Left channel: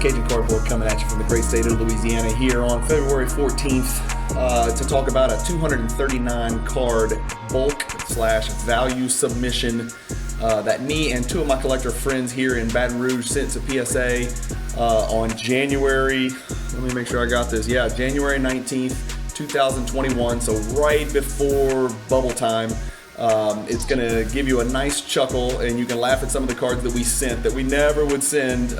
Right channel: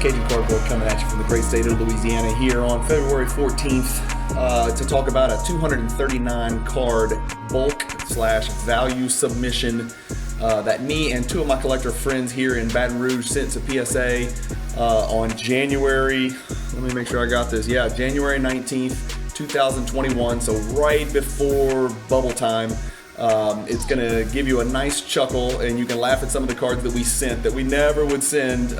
Cajun Cardboard coming at you from the great state of Louisiana here on February 14th to talk about a 239 card bulk/value submission that me and two of my collector friends here in Baton Rouge sent to PSA on January, let me make sure I got this, January 19th, 2021, so right before bubble time. It's going to give you a nice chuckle, and you can laugh at some of the cards that we sent that we never would send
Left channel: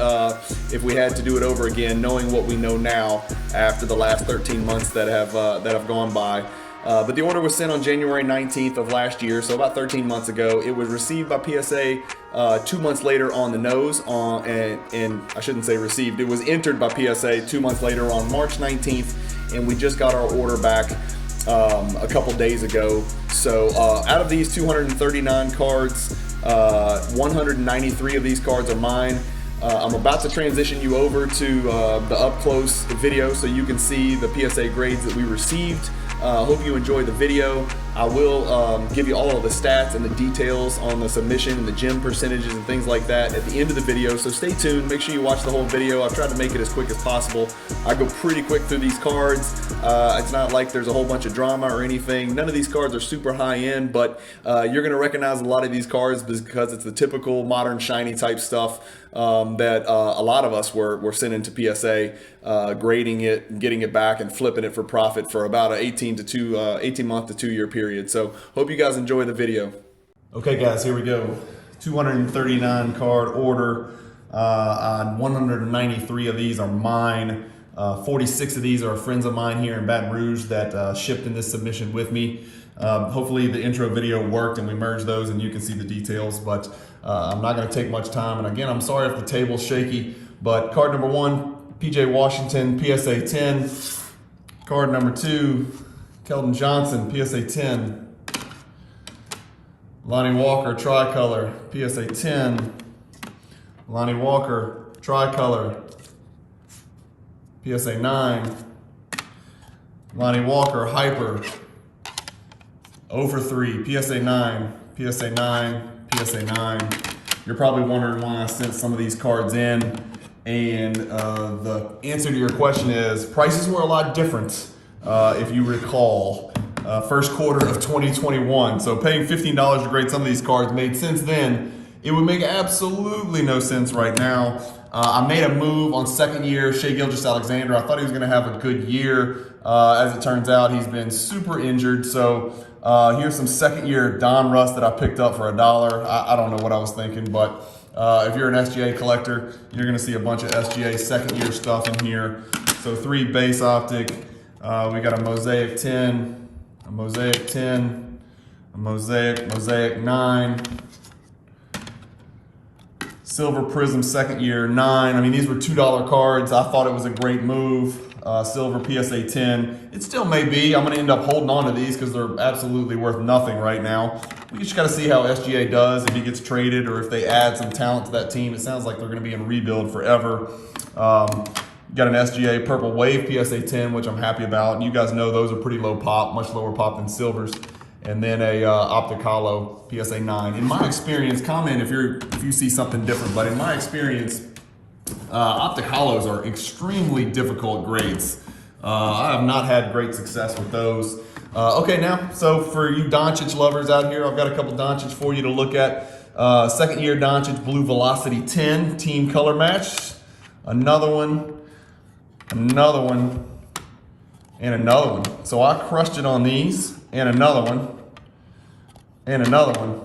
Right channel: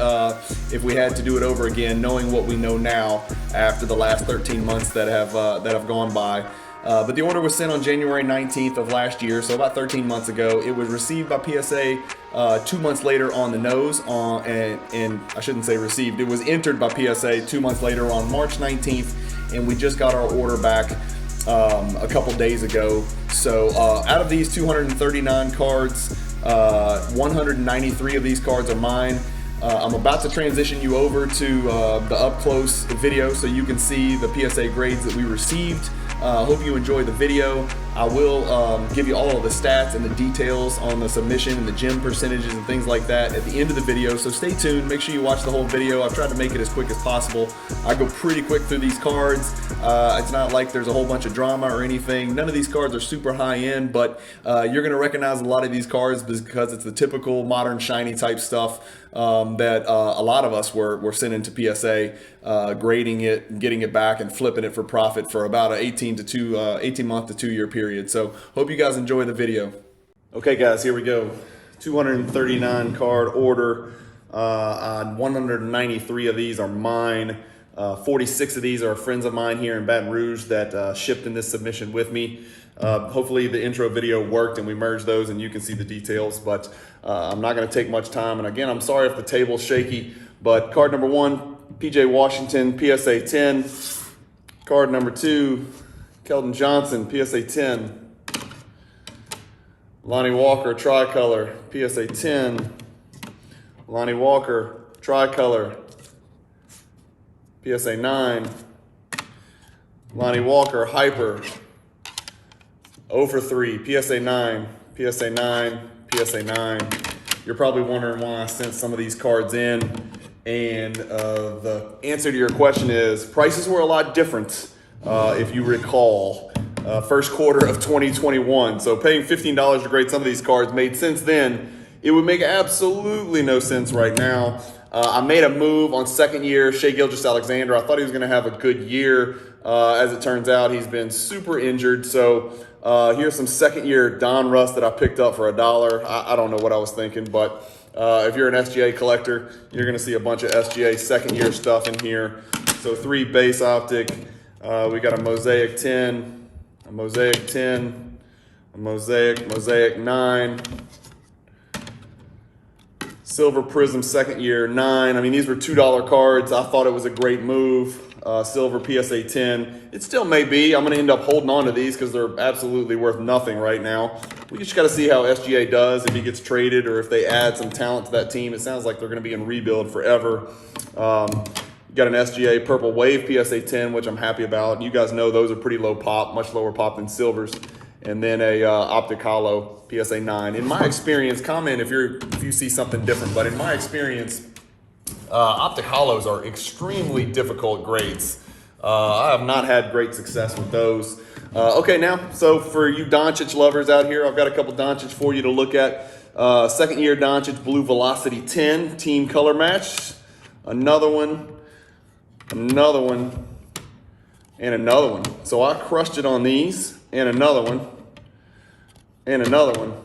if we had to do it over again, knowing what we know now after the last 13 months that have gone by. But the order was sent on January 19th of last year, so about 13 months ago. It was received by PSA 2 months later on the nose, and I shouldn't say received. It was entered by PSA 2 months later on March 19th, and we just got our order back a couple days ago. So out of these 239 cards, 193 of these cards are mine. I'm about to transition you over to the up close video so you can see the PSA grades that we received. Hope you enjoy the video. I will give you all of the stats and the details on the submission and the gem percentages and things like that at the end of the video, so stay tuned. Make sure you watch the whole video. I've tried to make it as quick as possible. I go pretty quick through these cards. It's not like there's a whole bunch of drama or anything. None of these cards are super high end, but you're going to recognize a lot of these cards because it's the typical modern shiny type stuff that a lot of us were sending to PSA, grading it, getting it back, and flipping it for profit for about an 18 month to 2 year period. So hope you guys enjoy the video. Okay guys, here we go. 239 card order. 193 of these are mine. 46 of these are friends of mine here in Baton Rouge that shipped in this submission with me. Hopefully the intro video worked and we merged those and you can see the details, but I'm not going to take much time. And again, I'm sorry if the table's shaky, but card number 1, PJ Washington, PSA 10. Card number 2, Keldon Johnson, PSA 10. Lonnie Walker, Tricolor, PSA 10. Lonnie Walker, Tricolor, PSA 9. Lonnie Walker, Hyper, 0 for 3, PSA 9, PSA 9, PSA 9. You're probably wondering why I sent some of these cards in, and the answer to your question is prices were a lot different, if you recall, first quarter of 2021. So paying $15 to grade some of these cards made sense then. It would make absolutely no sense right now. I made a move on second year Shai Gilgeous-Alexander. I thought he was going to have a good year. As it turns out, he's been super injured. So here's some second year Don Russ that I picked up for $1. I don't know what I was thinking, but if you're an SGA collector, you're going to see a bunch of SGA second year stuff in here. So 3 base Optic. We got a Mosaic 10, a Mosaic 10, a Mosaic 9. Silver Prism second year 9. I mean, these were $2 cards. I thought it was a great move. Silver PSA 10. It still may be. I'm going to end up holding on to these because they're absolutely worth nothing right now. We just got to see how SGA does, if he gets traded or if they add some talent to that team. It sounds like they're going to be in rebuild forever. You got an SGA Purple Wave PSA 10, which I'm happy about. You guys know those are pretty low pop, much lower pop than silvers. And then a Optic Hollow PSA 9. In my experience, comment if you see something different, but in my experience, Optic Hollows are extremely difficult grades. I have not had great success with those. Okay, now, so for you Doncic lovers out here, I've got a couple Doncic for you to look at. Second year Doncic Blue Velocity 10, team color match. Another one, and another one. So I crushed it on these, and another one, and another one.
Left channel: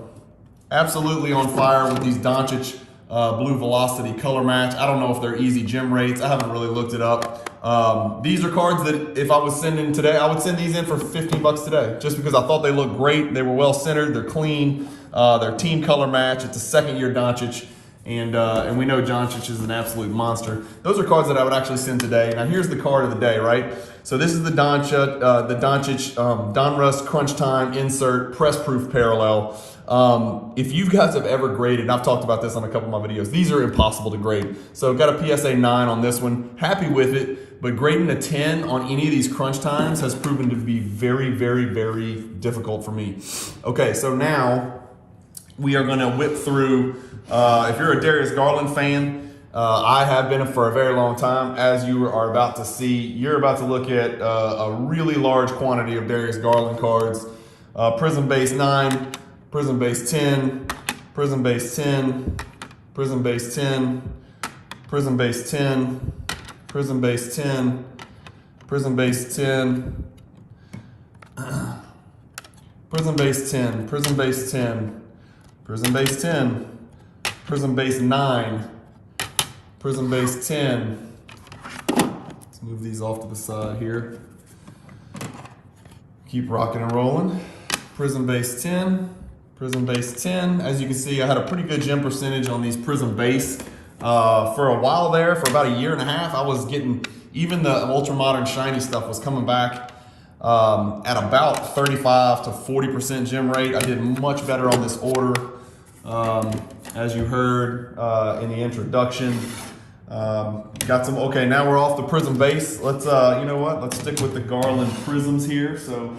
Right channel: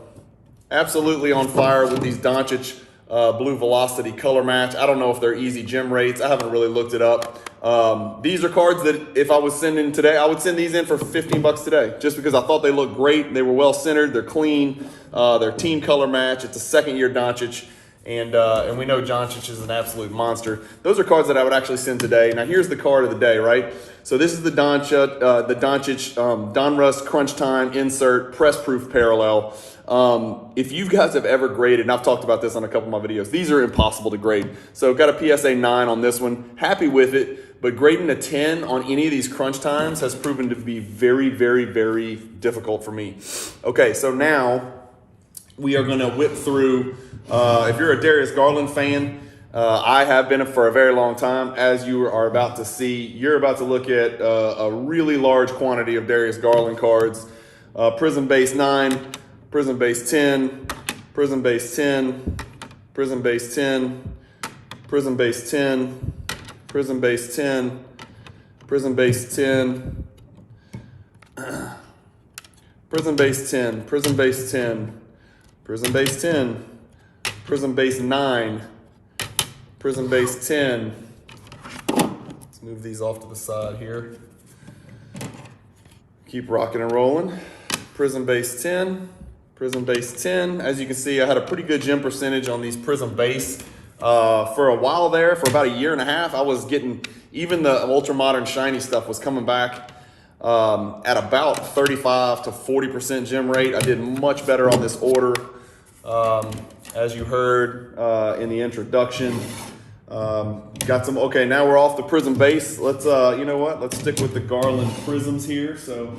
Absolutely on fire with these Doncic Blue Velocity color match. I don't know if they're easy gem rates. I haven't really looked it up. These are cards that if I was sending today, I would send these in for $15 today, just because I thought they looked great. They were well centered. They're clean. They're team color match. It's a second year Doncic. And we know Doncic is an absolute monster. Those are cards that I would actually send today. Now here's the card of the day, right? So this is the Doncic Don Russ Crunch Time Insert Press Proof Parallel. If you guys have ever graded, and I've talked about this on a couple of my videos, these are impossible to grade. So got a PSA 9 on this one, happy with it, but grading a 10 on any of these crunch times has proven to be very, very, very difficult for me. Okay, so now we are gonna whip through, if you're a Darius Garland fan, I have been for a very long time. As you are about to see, you're about to look at a really large quantity of Darius Garland cards. Prism base 9, Prism base 10, Prism base 10, Prism base 10, Prism base 10, Prism base 10, Prism base 10, Prism base 10, Prism base 10, Prism base 10, Prism base 9, Prism base 10. Let's move these off to the side here. Keep rocking and rolling. Prism base 10, Prism base 10. As you can see, I had a pretty good gem percentage on these Prism base. For a while there, for about a year and a half, I was getting, even the ultra modern shiny stuff was coming back at about 35 to 40% gem rate. I did much better on this order. As you heard in the introduction, got some, okay, now we're off the Prism base. Let's, you know what? Let's stick with the Garland Prisms here. So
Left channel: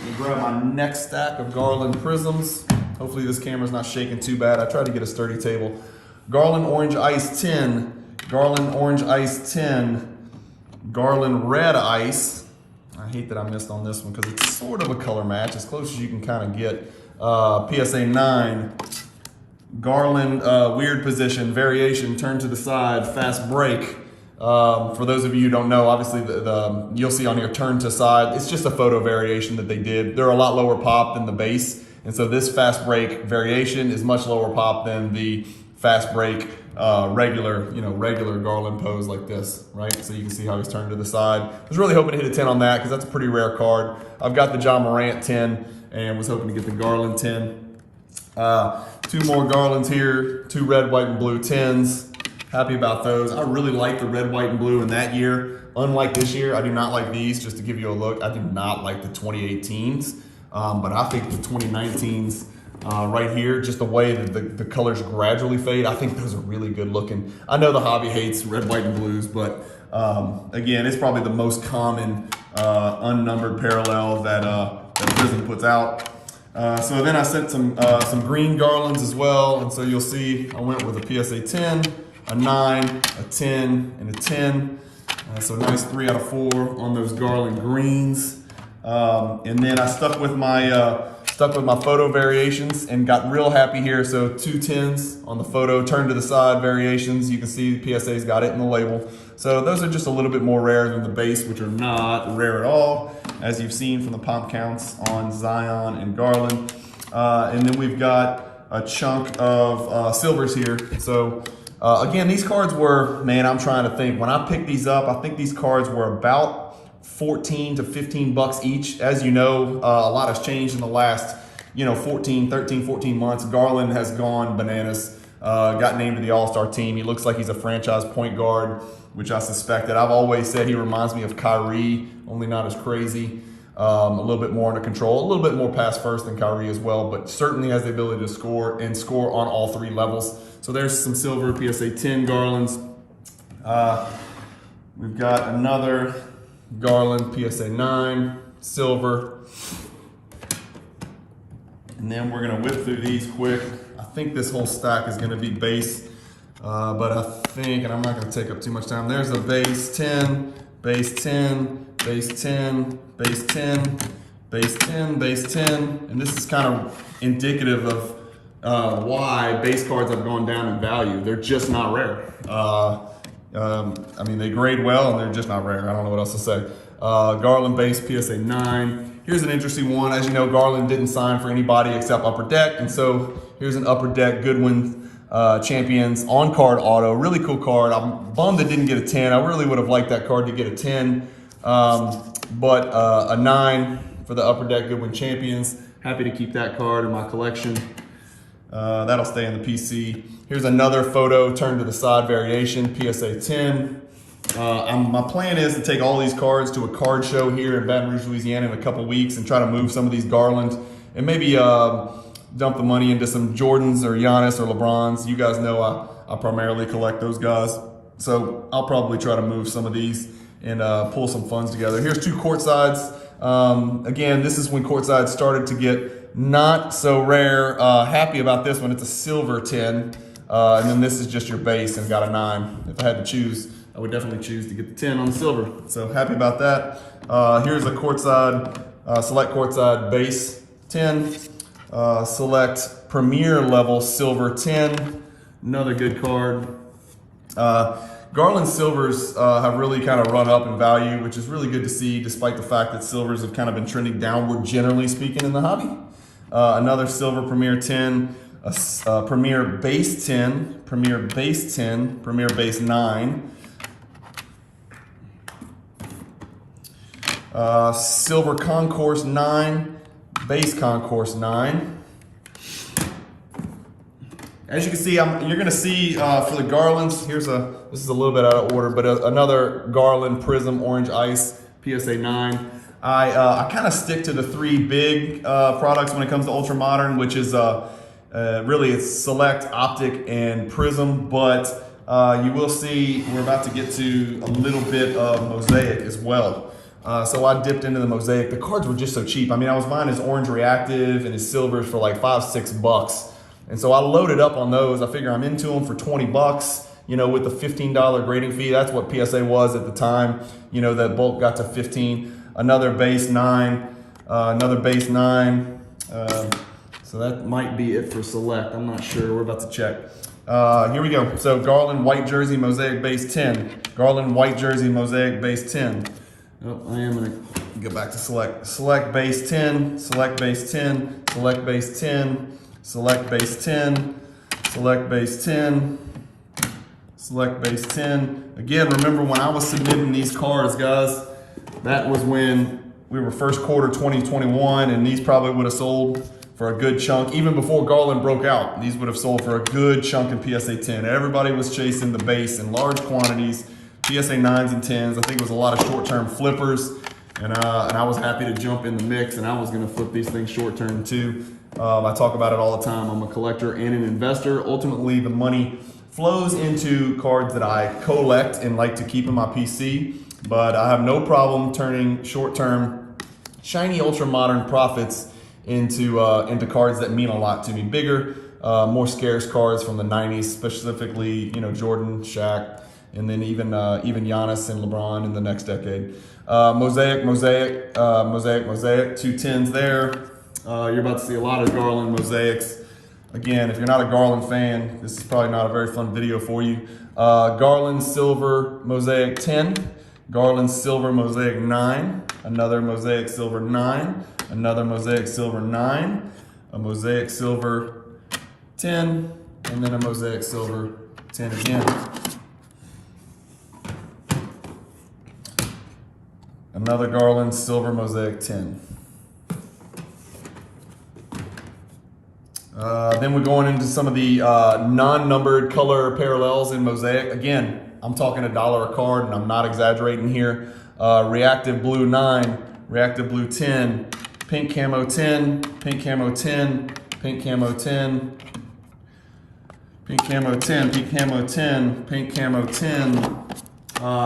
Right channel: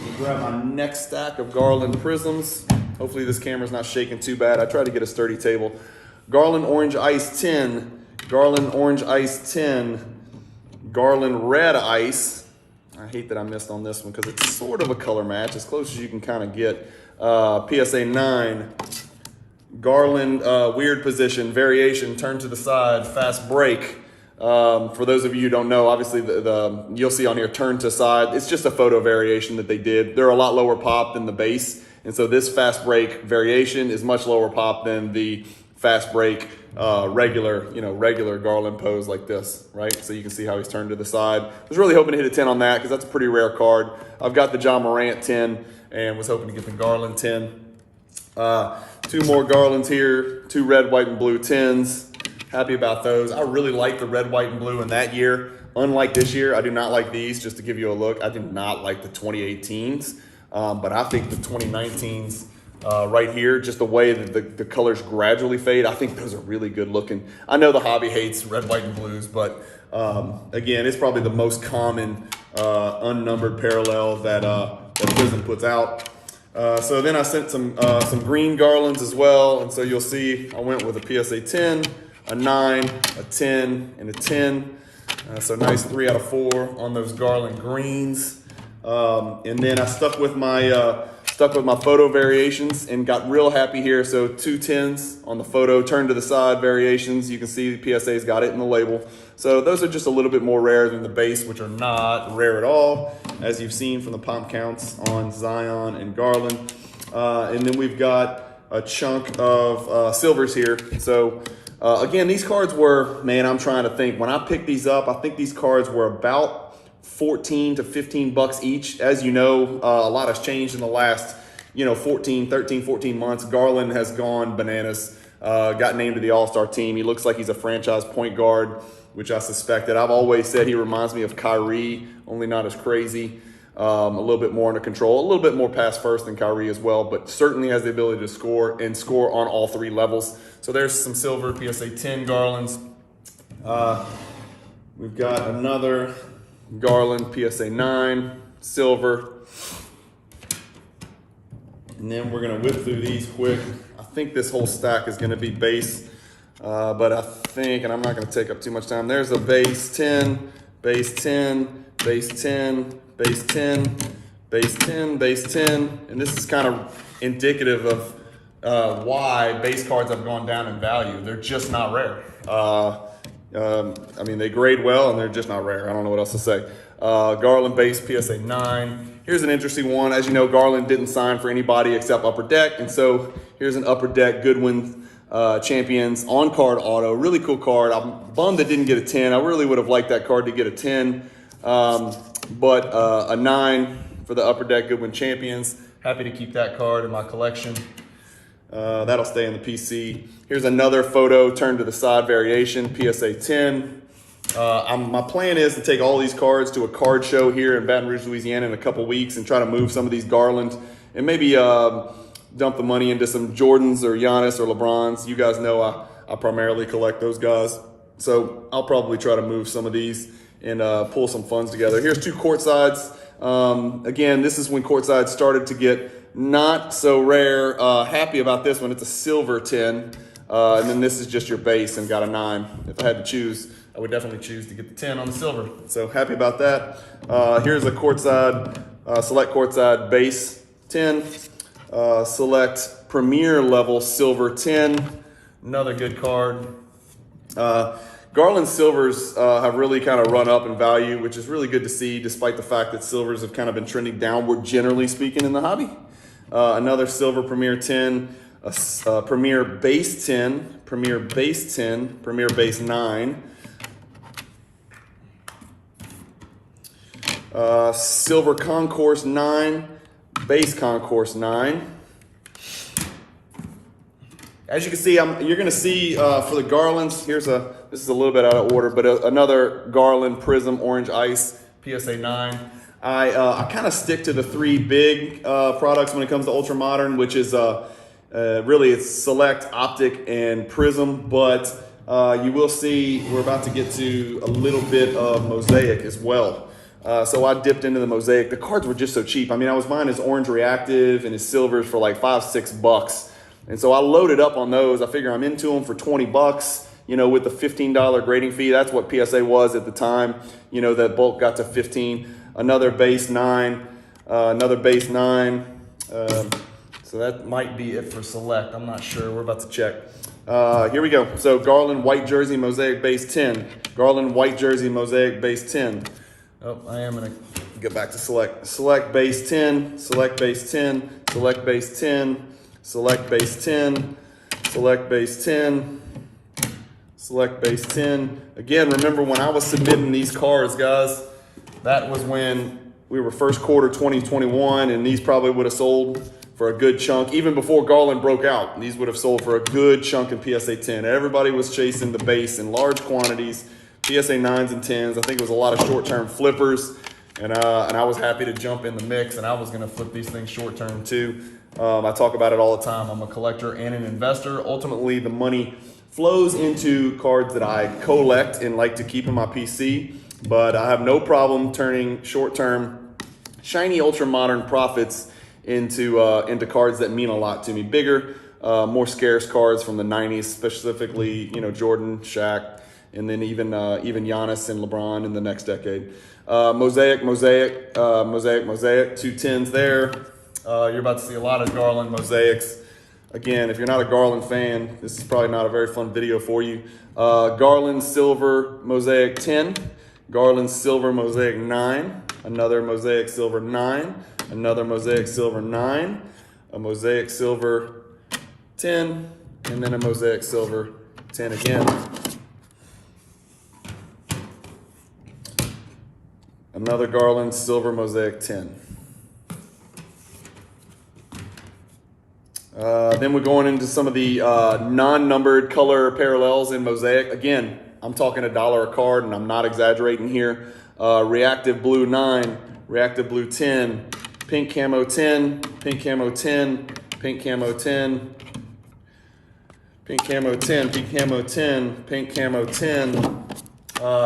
let me grab my next stack of Garland Prisms. Hopefully this camera's not shaking too bad. I tried to get a sturdy table. Garland Orange Ice 10, Garland Orange Ice 10, Garland Red Ice. I hate that I missed on this one because it's sort of a color match, as close as you can kind of get. PSA 9, Garland Weird Position, Variation, Turn to the Side, Fast Break. For those of you who don't know, obviously you'll see on here Turn to Side. It's just a photo variation that they did. They're a lot lower pop than the base, and so this Fast Break variation is much lower pop than the Fast Break regular Garland pose like this, right? So you can see how he's turned to the side. I was really hoping to hit a 10 on that because that's a pretty rare card. I've got the John Morant 10 and was hoping to get the Garland 10. Two more Garlands here, two red, white, and blue 10s. Happy about those. I really like the red, white, and blue in that year. Unlike this year, I do not like these. Just to give you a look, I do not like the 2018s, but I think the 2019s right here, just the way that the colors gradually fade, I think those are really good looking. I know the hobby hates red, white, and blues, but again, it's probably the most common unnumbered parallel that Prism puts out. So then I sent some green Garlands as well, and so you'll see I went with a PSA 10, a 9, a 10, and a 10. So nice 3 out of 4 on those Garland greens. And then I stuck with my photo variations and got real happy here. So 2 10s on the photo, turn to the side variations. You can see the PSA's got it in the label. So those are just a little bit more rare than the base, which are not rare at all, as you've seen from the pop counts on Zion and Garland. And then we've got a chunk of silvers here. So again, these cards were, man, I'm trying to think. When I picked these up, I think these cards were about 14 to 15 bucks each. As you know, a lot has changed in the last, 13, 14 months. Garland has gone bananas, got named to the All-Star team. He looks like he's a franchise point guard, which I suspected. I've always said he reminds me of Kyrie, only not as crazy, a little bit more under control, a little bit more pass first than Kyrie as well, but certainly has the ability to score and score on all 3 levels. So there's some silver PSA 10 Garlands. We've got another Garland PSA 9 silver, and then we're gonna whip through these quick. I think this whole stack is gonna be base, but I think, and I'm not gonna take up too much time, there's a base 10, base 10, base 10, base 10, base 10, base 10, and this is kind of indicative of why base cards have gone down in value. They're just not rare. I mean, they grade well and they're just not rare. I don't know what else to say. Garland base PSA 9. Here's an interesting one. As you know, Garland didn't sign for anybody except Upper Deck. And so here's an Upper Deck Goodwin Champions on-card auto. Really cool card. I'm bummed it didn't get a 10. I really would have liked that card to get a 10. But a 9 for the Upper Deck Goodwin Champions. Happy to keep that card in my collection. That'll stay in the PC. Here's another photo turn to the side variation, PSA 10. My plan is to take all these cards to a card show here in Baton Rouge, Louisiana in a couple weeks and try to move some of these Garland and maybe dump the money into some Jordans or Giannis or LeBrons. You guys know I primarily collect those guys. So I'll probably try to move some of these and pull some funds together. Here's 2 courtsides. Again, this is when courtsides started to get not so rare. Happy about this one. It's a silver 10. And then this is just your base and got a 9. If I had to choose, I would definitely choose to get the 10 on the silver. So happy about that. Here's a courtside, select courtside base 10, select premier level silver 10. Another good card. Garland silvers have really kind of run up in value, which is really good to see, despite the fact that silvers have kind of been trending downward, generally speaking, in the hobby. Another silver premier 10, premier base 10, premier base 10, premier base 9. Silver concourse 9, base concourse 9. As you can see, you're going to see for the Garlands, this is a little bit out of order, but another Garland Prism Orange Ice PSA 9. I kind of stick to the 3 big products when it comes to Ultra Modern, which is really it's Select, Optic, and Prism, but you will see we're about to get to a little bit of Mosaic as well. So I dipped into the Mosaic. The cards were just so cheap. I mean, I was buying his Orange Reactive and his Silvers for like $5-6. And so I loaded up on those. I figure I'm into them for $20, you know, with the $15 grading fee. That's what PSA was at the time. You know, that bulk got to 15. Another base 9, another base 9. So that might be it for Select. I'm not sure. We're about to check. Here we go. So Garland white jersey Mosaic base 10. Garland white jersey Mosaic base 10. Oh, I am going to get back to Select. Select base 10. Select base 10. Select base 10. Select base 10, select base 10, select base 10. Again, remember when I was submitting these cards, guys, that was when we were first quarter 2021, and these probably would have sold for a good chunk. Even before Garland broke out, these would have sold for a good chunk in PSA 10. Everybody was chasing the base in large quantities, PSA 9s and 10s. I think it was a lot of short-term flippers, and I was happy to jump in the mix, and I was gonna flip these things short-term too. I talk about it all the time. I'm a collector and an investor. Ultimately, the money flows into cards that I collect and like to keep in my PC, but I have no problem turning short-term, shiny, ultra-modern profits into cards that mean a lot to me. Bigger, more scarce cards from the 90s, specifically, you know, Jordan, Shaq, and then even Giannis and LeBron in the next decade. Mosaic, 2 10s there. You're about to see a lot of Garland Mosaics. Again, if you're not a Garland fan, this is probably not a very fun video for you. Garland Silver Mosaic 10, Garland Silver Mosaic 9, another Mosaic Silver 9, another Mosaic Silver 9, a Mosaic Silver 10, and then a Mosaic Silver 10 again. Another Garland Silver Mosaic 10. Then we're going into some of the non-numbered color parallels in Mosaic. Again, I'm talking $1 a card, and I'm not exaggerating here. Reactive Blue 9, Reactive Blue 10, Pink Camo 10, Pink Camo 10, Pink Camo 10, Pink Camo 10, Pink Camo 10, Pink Camo 10.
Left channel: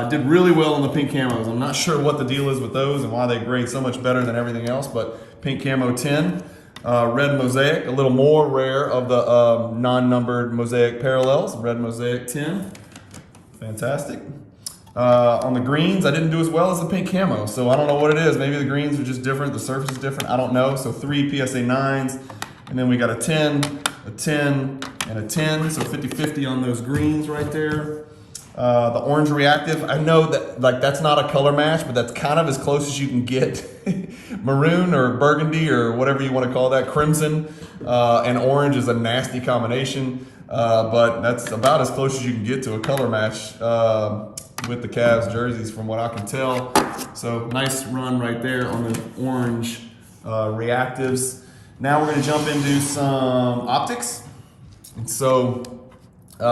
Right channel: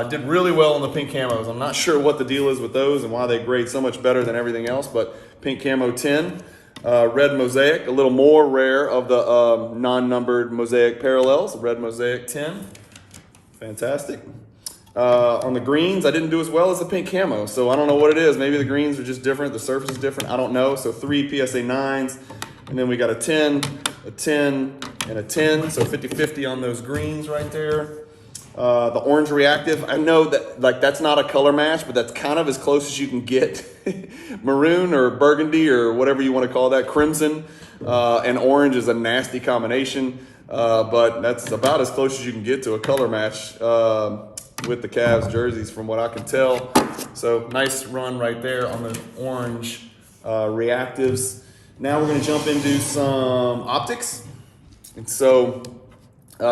Did really well on the pink camos. I'm not sure what the deal is with those and why they grade so much better than everything else, but Pink Camo 10. Red Mosaic, a little more rare of the non-numbered Mosaic parallels. Red Mosaic 10, fantastic. On the greens, I didn't do as well as the pink camo, so I don't know what it is. Maybe the greens are just different, the surface is different, I don't know. So 3 PSA 9s, and then we got a 10, and a 10, so 50-50 on those greens right there. The orange reactive, I know that like that's not a color match, but that's kind of as close as you can get. Maroon or burgundy or whatever you want to call that, crimson and orange is a nasty combination, but that's about as close as you can get to a color match with the Cavs jerseys from what I can tell. So nice run right there on the orange reactives. Now we're going to jump into some optics. And so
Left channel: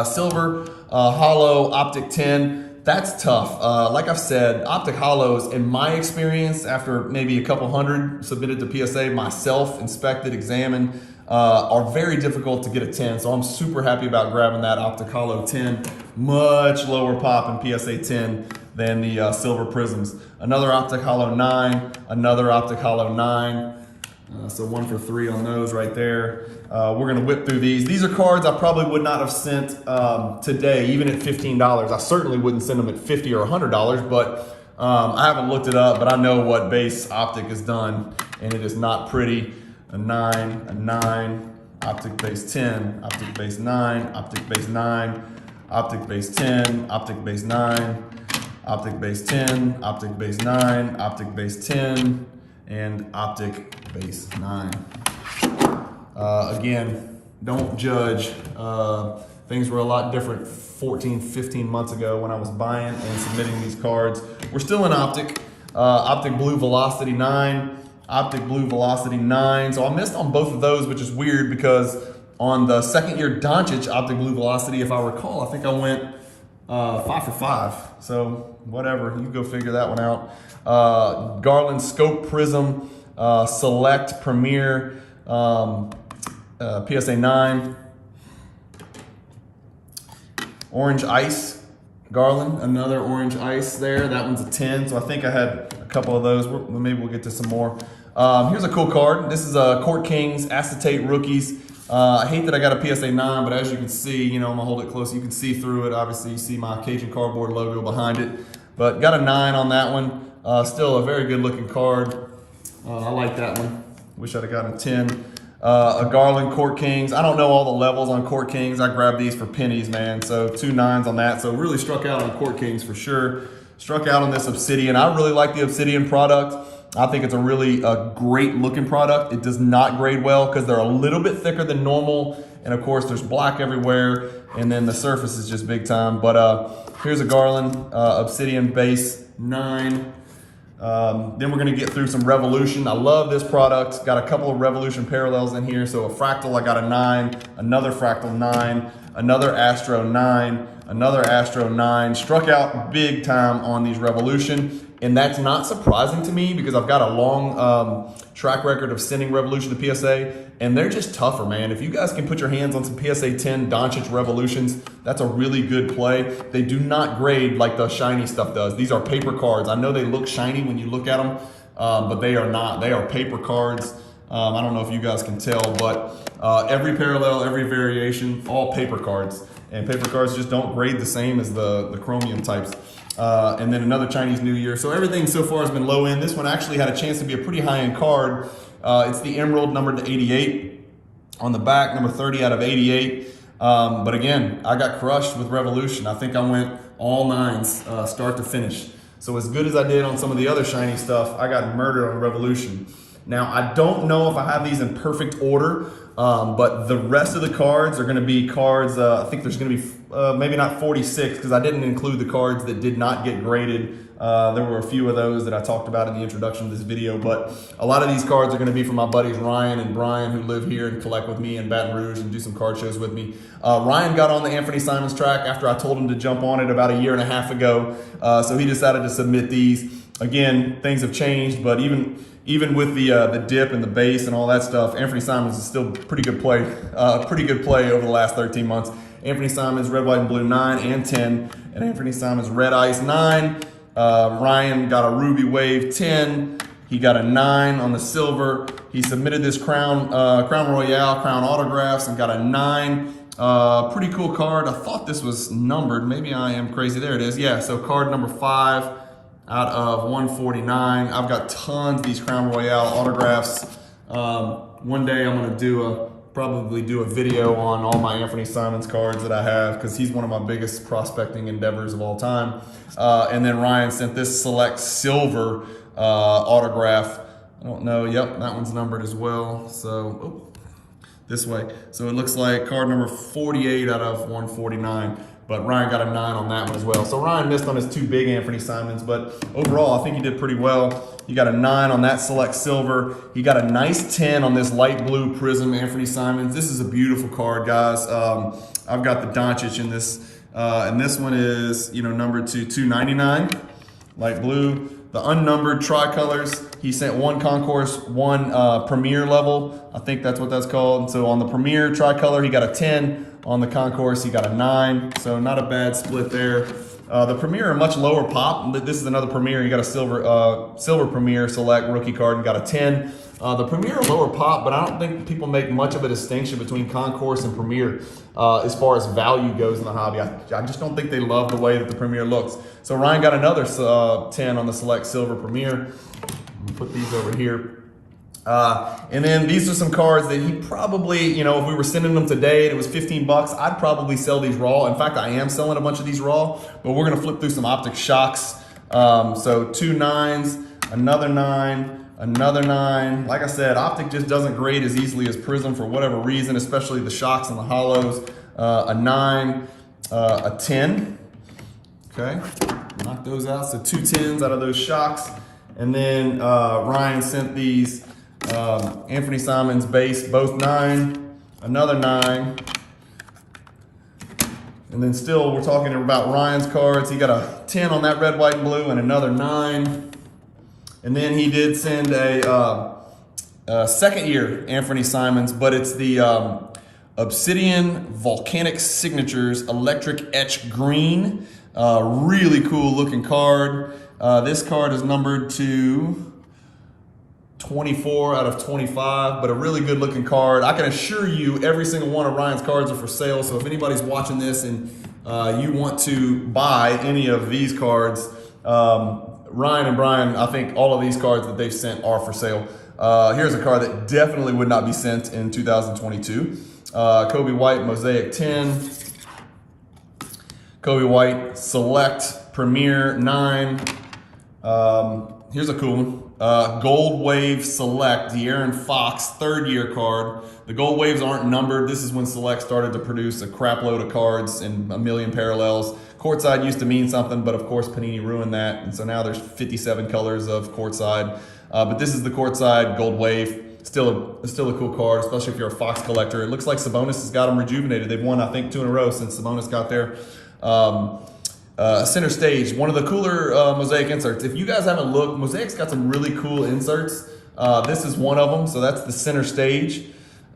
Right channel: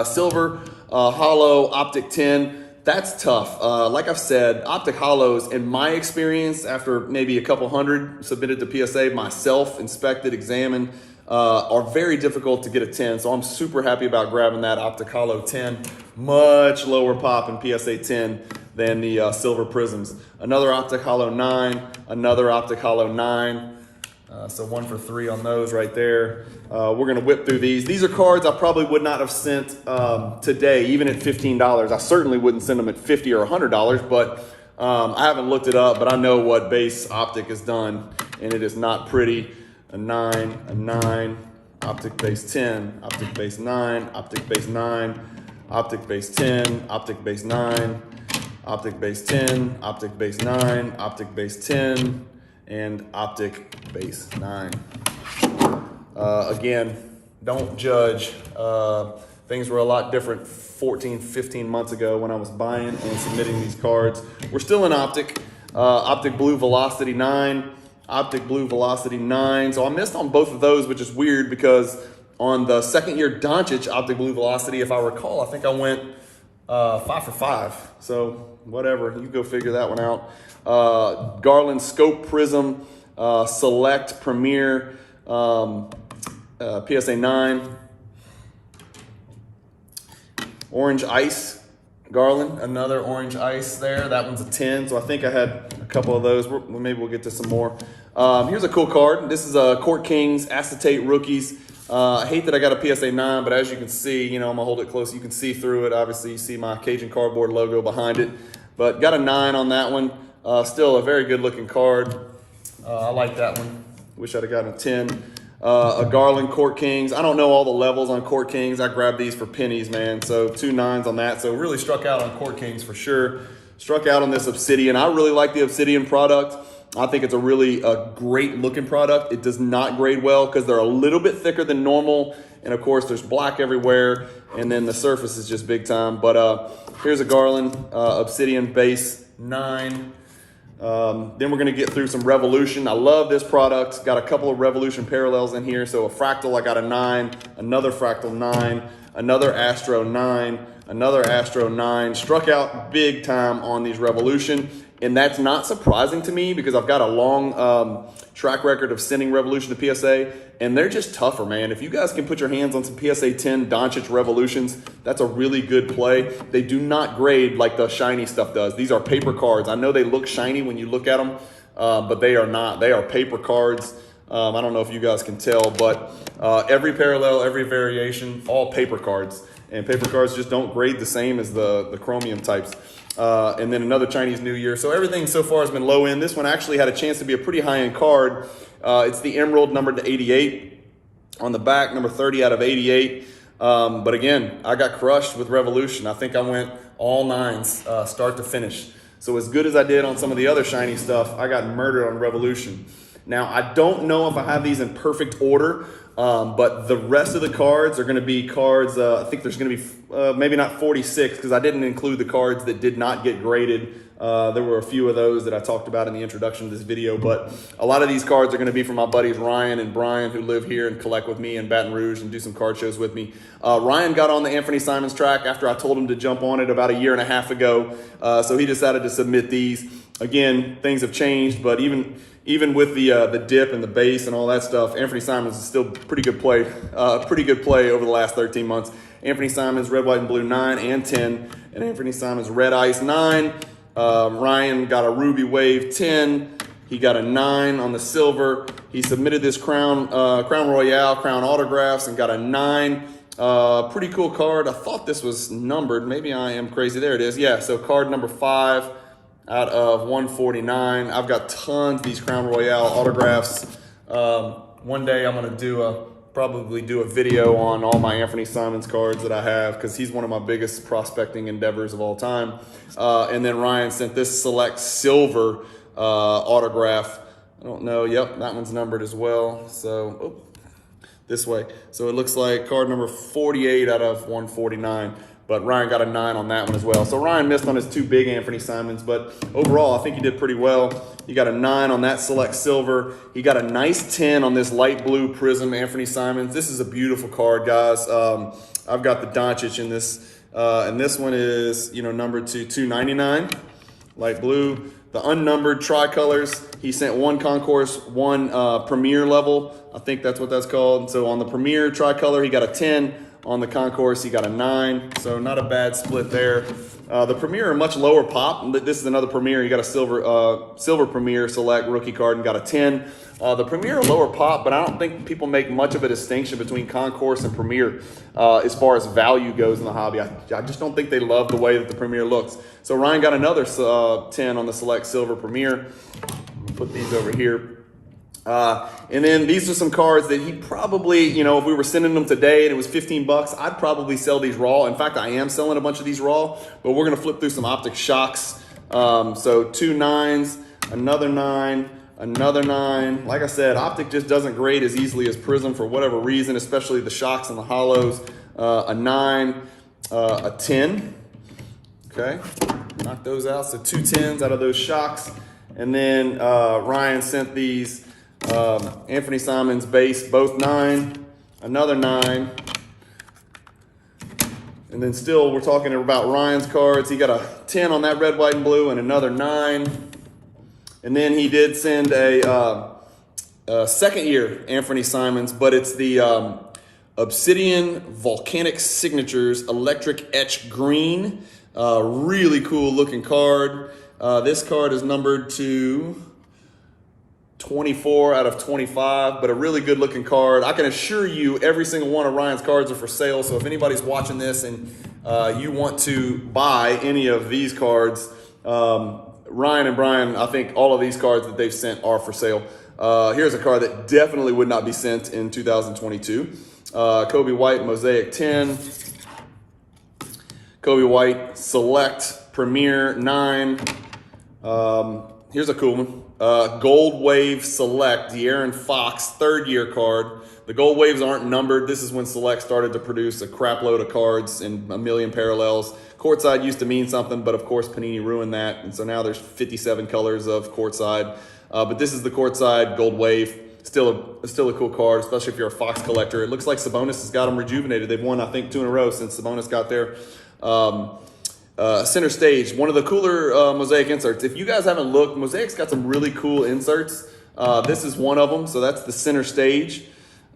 silver hollow Optic 10, that's tough. Like I've said, Optic hollows, in my experience, after maybe a couple hundred submitted to PSA, myself, inspected, examined, are very difficult to get a 10. So I'm super happy about grabbing that Optic hollow 10. Much lower pop in PSA 10 than the silver prisms. Another Optic hollow 9, another Optic hollow 9. So 1 for 3 on those right there. We're gonna whip through these. These are cards I probably would not have sent today, even at $15. I certainly wouldn't send them at $50 or $100, but I haven't looked it up, but I know what base Optic has done, and it is not pretty. A 9, Optic base 10, Optic base 9, Optic base 9, Optic base 10, Optic base 9, Optic base 10, Optic base 9, Optic base 10, and Optic base 9. Again, don't judge. Things were a lot different 14, 15 months ago when I was buying and submitting these cards. We're still in Optic. Optic Blue Velocity 9, Optic Blue Velocity 9. So I missed on both of those, which is weird because on the second year Doncic Optic Blue Velocity, if I recall, I think I went 5 for 5. So whatever, you go figure that one out. Garland Scope Prism Select Premier PSA 9. Orange Ice Garland, another Orange Ice there. That one's a 10, so I think I had a couple of those. Maybe we'll get to some more. Here's a cool card. This is Court Kings Acetate Rookies. I hate that I got a PSA 9, but as you can see, you know, I'm gonna hold it close. You can see through it. Obviously, you see my Cajun cardboard logo behind it. But got a 9 on that one. Still a very good looking card. I like that one. Wish I'd have gotten a 10. A Garland Court Kings. I don't know all the levels on Court Kings. I grabbed these for pennies, man. So 2 9s on that. So really struck out on Court Kings for sure. Struck out on this Obsidian. I really like the Obsidian product. I think it's a really great looking product. It does not grade well because they're a little bit thicker than normal. And of course there's black everywhere. And then the surface is just big time. But here's a Garland Obsidian base 9. Then we're gonna get through some Revolution. I love this product. Got a couple of Revolution parallels in here. So a Fractal, I got a 9, another Fractal 9, another Astro 9, another Astro 9. Struck out big time on these Revolution. And that's not surprising to me because I've got a long track record of sending Revolution to PSA, and they're just tougher, man. If you guys can put your hands on some PSA 10 Doncic Revolutions, that's a really good play. They do not grade like the shiny stuff does. These are paper cards. I know they look shiny when you look at them, but they are not. They are paper cards. I don't know if you guys can tell, but every parallel, every variation, all paper cards. And paper cards just don't grade the same as the chromium types. And then another Chinese New Year. So everything so far has been low end. This one actually had a chance to be a pretty high end card. It's the Emerald numbered to 88 on the back, number 30 out of 88. But again, I got crushed with Revolution. I think I went all 9s, start to finish. So as good as I did on some of the other shiny stuff, I got murdered on Revolution. Now, I don't know if I have these in perfect order, but the rest of the cards are going to be cards, I think there's going to be maybe not 46 because I didn't include the cards that did not get graded. There were a few of those that I talked about in the introduction to this video, but a lot of these cards are going to be from my buddies Ryan and Brian who live here and collect with me in Baton Rouge and do some card shows with me. Ryan got on the Anthony Simons track after I told him to jump on it about a year and a half ago, so he decided to submit these. Again, things have changed, but even with the dip and the base and all that stuff, Anthony Simons is still pretty good play over the last 13 months. Anthony Simons Red, White, and Blue 9 and 10, and Anthony Simons Red Ice 9. Ryan got a Ruby Wave 10. He got a 9 on the silver. He submitted this Crown Royale, Crown Autographs, and got a 9. Pretty cool card. I thought this was numbered. Maybe I am crazy. There it is. Yeah, so card number 5. Out of 149. I've got tons of these Crown Royale autographs. One day I'm gonna probably do a video on all my Anthony Simons cards that I have because he's one of my biggest prospecting endeavors of all time. And then Ryan sent this Select Silver autograph. I don't know, yep, that one's numbered as well. So, this way. So it looks like card number 48 out of 149. But Ryan got a 9 on that one as well. So Ryan missed on his 2 big Anthony Simons, but overall, I think he did pretty well. He got a 9 on that Select Silver. He got a nice 10 on this light blue Prism Anthony Simons. This is a beautiful card, guys. I've got the Doncic in this, and this one is, numbered to 299, light blue. The unnumbered tricolors, he sent 1 concourse, 1 premier level. I think that's what that's called. So on the premier tricolor, he got a 10. On the concourse, he got a 9, so not a bad split there. The Premier, a much lower pop. This is another Premier. You got a silver Premier Select rookie card and got a 10. The Premier, lower pop, but I don't think people make much of a distinction between Concourse and Premier as far as value goes in the hobby. I just don't think they love the way that the Premier looks. So Ryan got another 10 on the Select Silver Premier. I'm gonna put these over here. And then these are some cards that he probably, you know, if we were sending them today and it was 15 bucks, I'd probably sell these raw. In fact, I am selling a bunch of these raw, but we're going to flip through some Optic shocks. So 2 9s, another 9, another 9. Like I said, Optic just doesn't grade as easily as Prism for whatever reason, especially the shocks and the hollows. A 9, a 10. Okay, knock those out. So 2 10s out of those shocks. And then Ryan sent these Anthony Simons base, both 9, another 9. And then still we're talking about Ryan's cards. He got a 10 on that red, white, and blue and another 9. And then he did send a second year Anthony Simons, but it's the Obsidian Volcanic Signatures Electric Etch Green. Really cool looking card. This card is numbered to 24 out of 25, but a really good looking card. I can assure you every single one of Ryan's cards are for sale. So if anybody's watching this and you want to buy any of these cards, Ryan and Brian, I think all of these cards that they've sent are for sale. Here's a card that definitely would not be sent in 2022. Kobe White Mosaic 10. Kobe White Select Premier 9. Here's a cool one. Gold Wave Select, De'Aaron Fox, third year card. The Gold Waves aren't numbered. This is when Select started to produce a crap load of cards in a million parallels. Courtside used to mean something, but of course Panini ruined that. And so now there's 57 colors of Courtside. But this is the Courtside Gold Wave. Still a cool card, especially if you're a Fox collector. It looks like Sabonis has got them rejuvenated. They've won, I think, 2 in a row since Sabonis got there. Center Stage, one of the cooler Mosaic inserts. If you guys haven't looked, Mosaic's got some really cool inserts. This is one of them, so that's the Center Stage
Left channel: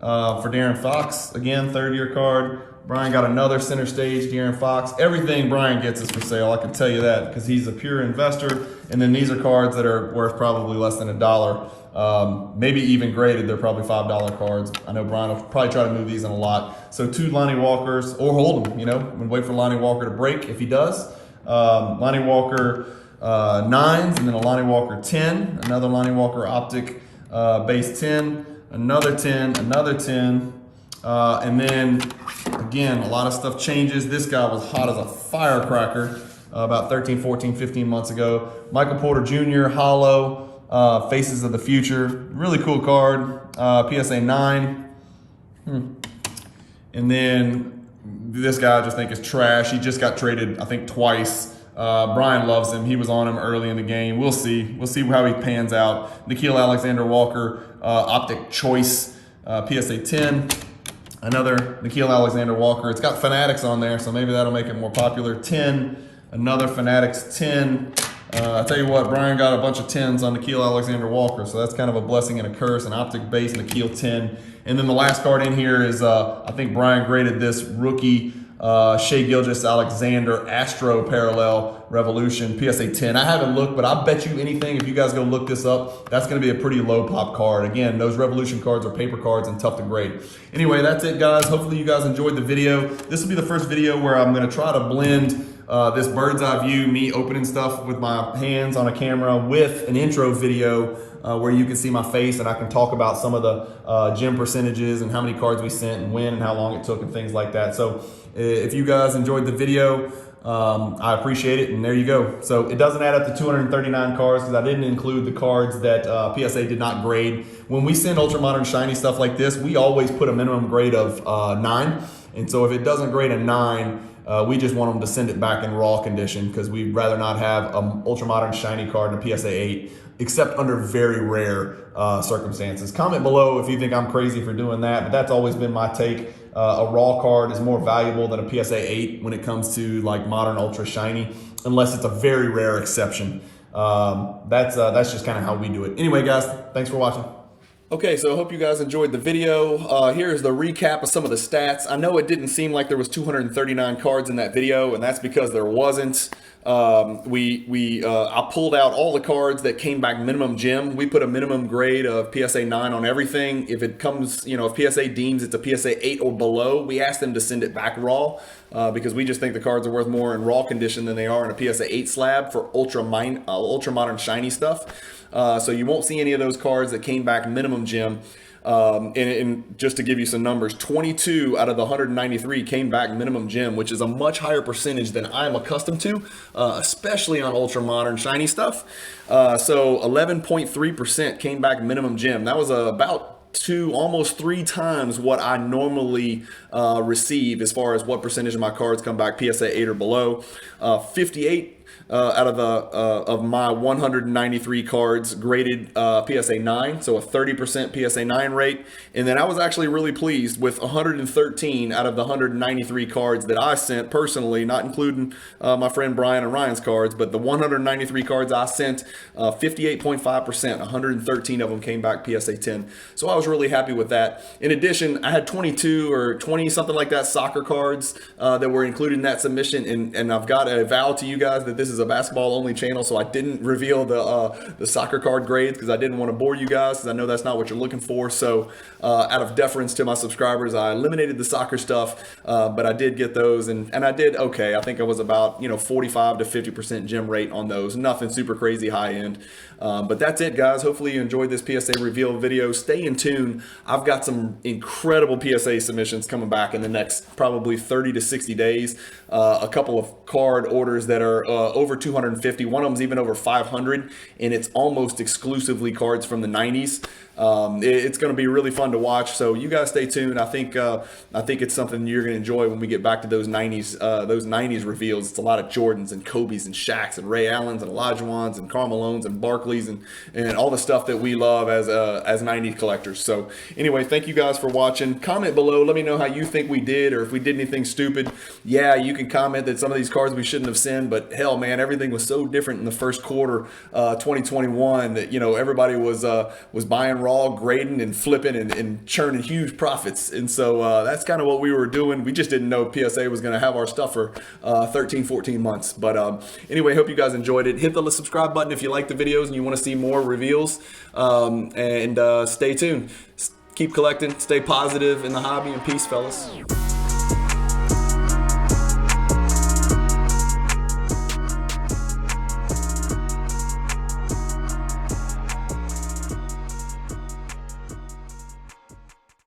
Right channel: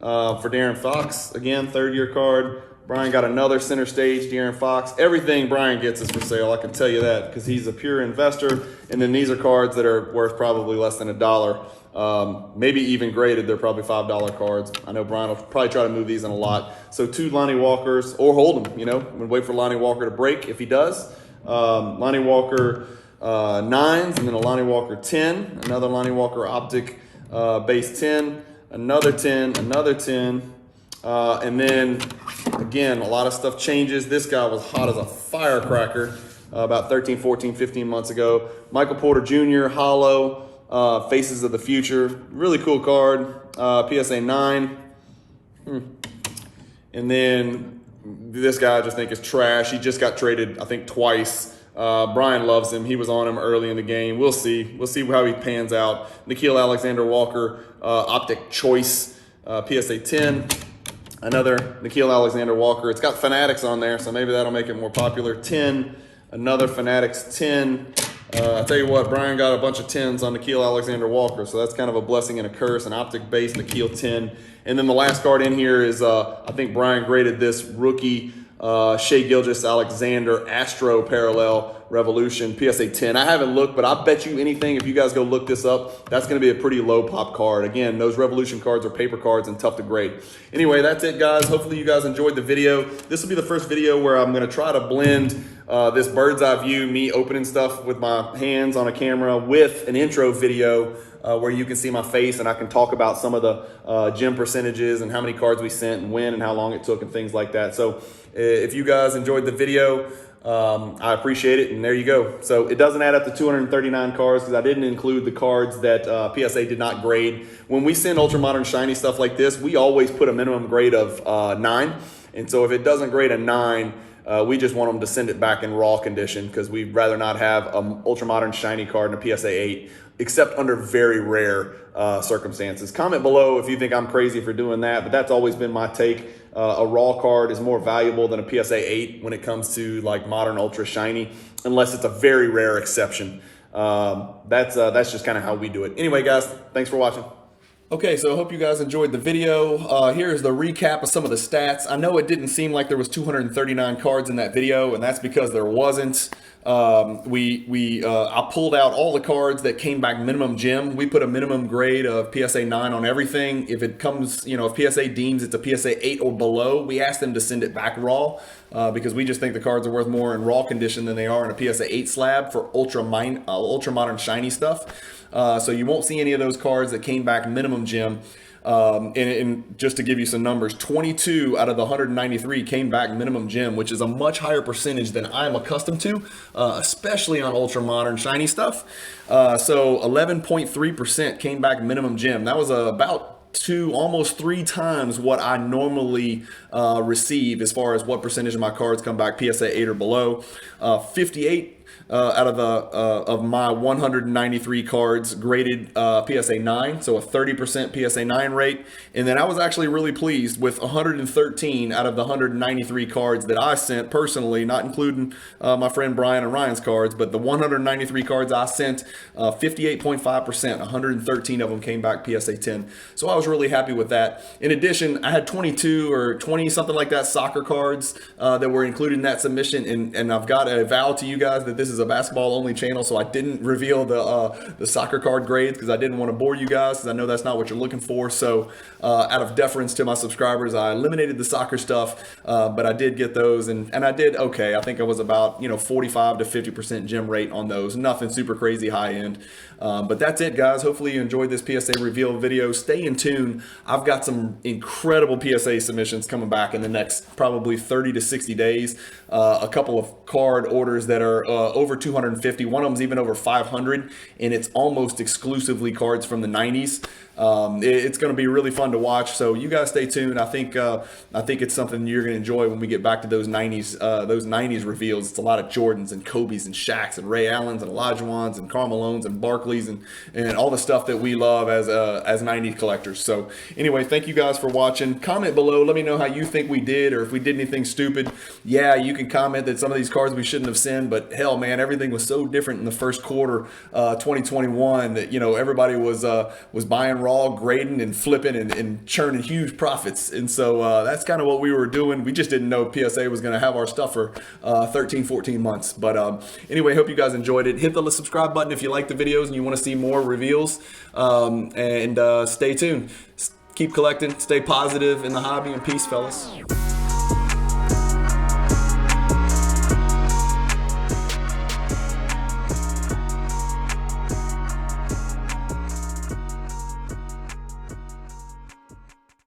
for De'Aaron Fox. Again, third year card. Brian got another Center Stage, De'Aaron Fox. Everything Brian gets is for sale, I can tell you that, because he's a pure investor. And then these are cards that are worth probably less than $1. Maybe even graded, they're probably $5 cards. I know Brian will probably try to move these in a lot. So 2 Lonnie Walkers, or hold them, you know, and wait for Lonnie Walker to break if he does. Lonnie Walker 9s, and then a Lonnie Walker 10, another Lonnie Walker Optic base 10, another 10, another 10, and then again, a lot of stuff changes. This guy was hot as a firecracker about 13, 14, 15 months ago. Michael Porter Jr. Hollow. Faces of the Future, really cool card. PSA 9. And then this guy I just think is trash. He just got traded, I think, twice. Brian loves him. He was on him early in the game. We'll see how he pans out. Nickeil Alexander-Walker Optic Choice PSA 10. Another Nickeil Alexander-Walker. It's got Fanatics on there, so maybe that'll make it more popular. 10. Another Fanatics 10. I tell you what, Brian got a bunch of 10s on Nickeil Alexander-Walker, so that's kind of a blessing and a curse. An Optic base Nickeil 10. And then the last card in here is, I think Brian graded this rookie Shai Gilgeous-Alexander Astro Parallel Revolution PSA 10. I haven't looked, but I bet you anything, if you guys go look this up, that's going to be a pretty low pop card. Again, those Revolution cards are paper cards and tough to grade. Anyway, that's it, guys. Hopefully you guys enjoyed the video. This will be the first video where I'm going to try to blend this bird's eye view, me opening stuff with my hands on a camera, with an intro video where you can see my face and I can talk about some of the gem percentages and how many cards we sent and when and how long it took and things like that. So if you guys enjoyed the video, I appreciate it, and there you go. So it doesn't add up to 239 cards because I didn't include the cards that PSA did not grade. When we send ultra modern shiny stuff like this, we always put a minimum grade of 9. And so if it doesn't grade a 9, we just want them to send it back in raw condition because we'd rather not have an ultra modern shiny card in a PSA 8, except under very rare circumstances. Comment below if you think I'm crazy for doing that, but that's always been my take. A raw card is more valuable than a PSA 8 when it comes to like modern ultra shiny, unless it's a very rare exception. That's just kind of how we do it. Anyway, guys, thanks for watching. Okay, so I hope you guys enjoyed the video. Here's the recap of some of the stats. I know it didn't seem like there was 239 cards in that video, and that's because there wasn't. I pulled out all the cards that came back minimum gem. We put a minimum grade of PSA 9 on everything. If it comes, if PSA deems it's a PSA 8 or below, we ask them to send it back raw because we just think the cards are worth more in raw condition than they are in a PSA 8 slab for ultra modern shiny stuff. So you won't see any of those cards that came back minimum gem. And just to give you some numbers, 22 out of the 193 came back minimum gem, which is a much higher percentage than I'm accustomed to, especially on ultra modern shiny stuff. So 11.3% came back minimum gem. That was about almost 3 times what I normally receive as far as what percentage of my cards come back PSA 8 or below. 58 out of my 193 cards graded PSA 9, so a 30% PSA 9 rate. And then I was actually really pleased with 113 out of the 193 cards that I sent personally, not including my friend Brian and Ryan's cards, but the 193 cards I sent, 58.5%, 113 of them came back PSA 10. So I was really happy with that. In addition, I had 22 or 20, something like that, soccer cards that were included in that submission. And I've got to vow to you guys that this is a basketball only channel, so I didn't reveal the soccer card grades because I didn't want to bore you guys, because I know that's not what you're looking for. So out of deference to my subscribers, I eliminated the soccer stuff, but I did get those, and I did okay. I think I was about 45 to 50% gem rate on those. Nothing super crazy high end, but that's it, guys. Hopefully you enjoyed this PSA reveal video. Stay in tune. I've got some incredible PSA submissions coming back in the next probably 30 to 60 days. A couple of card orders that are over 250. One of them's even over 500, and it's almost exclusively cards from the 90s. It's going to be really fun to watch, so you guys stay tuned. I think it's something you're going to enjoy when we get back to those 90s reveals. It's a lot of Jordans and Kobe's and Shaqs and Ray Allens and Olajuwons and Karl Malones and Barkleys and all the stuff that we love as 90s collectors. So anyway, thank you guys for watching. Comment below. Let me know how you think we did, or if we did anything stupid. Yeah, you can comment that some of these cards we shouldn't have sent, but hell, man, everything was so different in the first quarter 2021 that everybody was buying raw, grading and flipping and churning huge profits. And so that's kind of what we were doing. We just didn't know PSA was going to have our stuff for 13, 14 months. But anyway, hope you guys enjoyed it. Hit the subscribe button if you like the videos and you want to see more reveals. And stay tuned. Keep collecting. Stay positive in the hobby, and peace, fellas.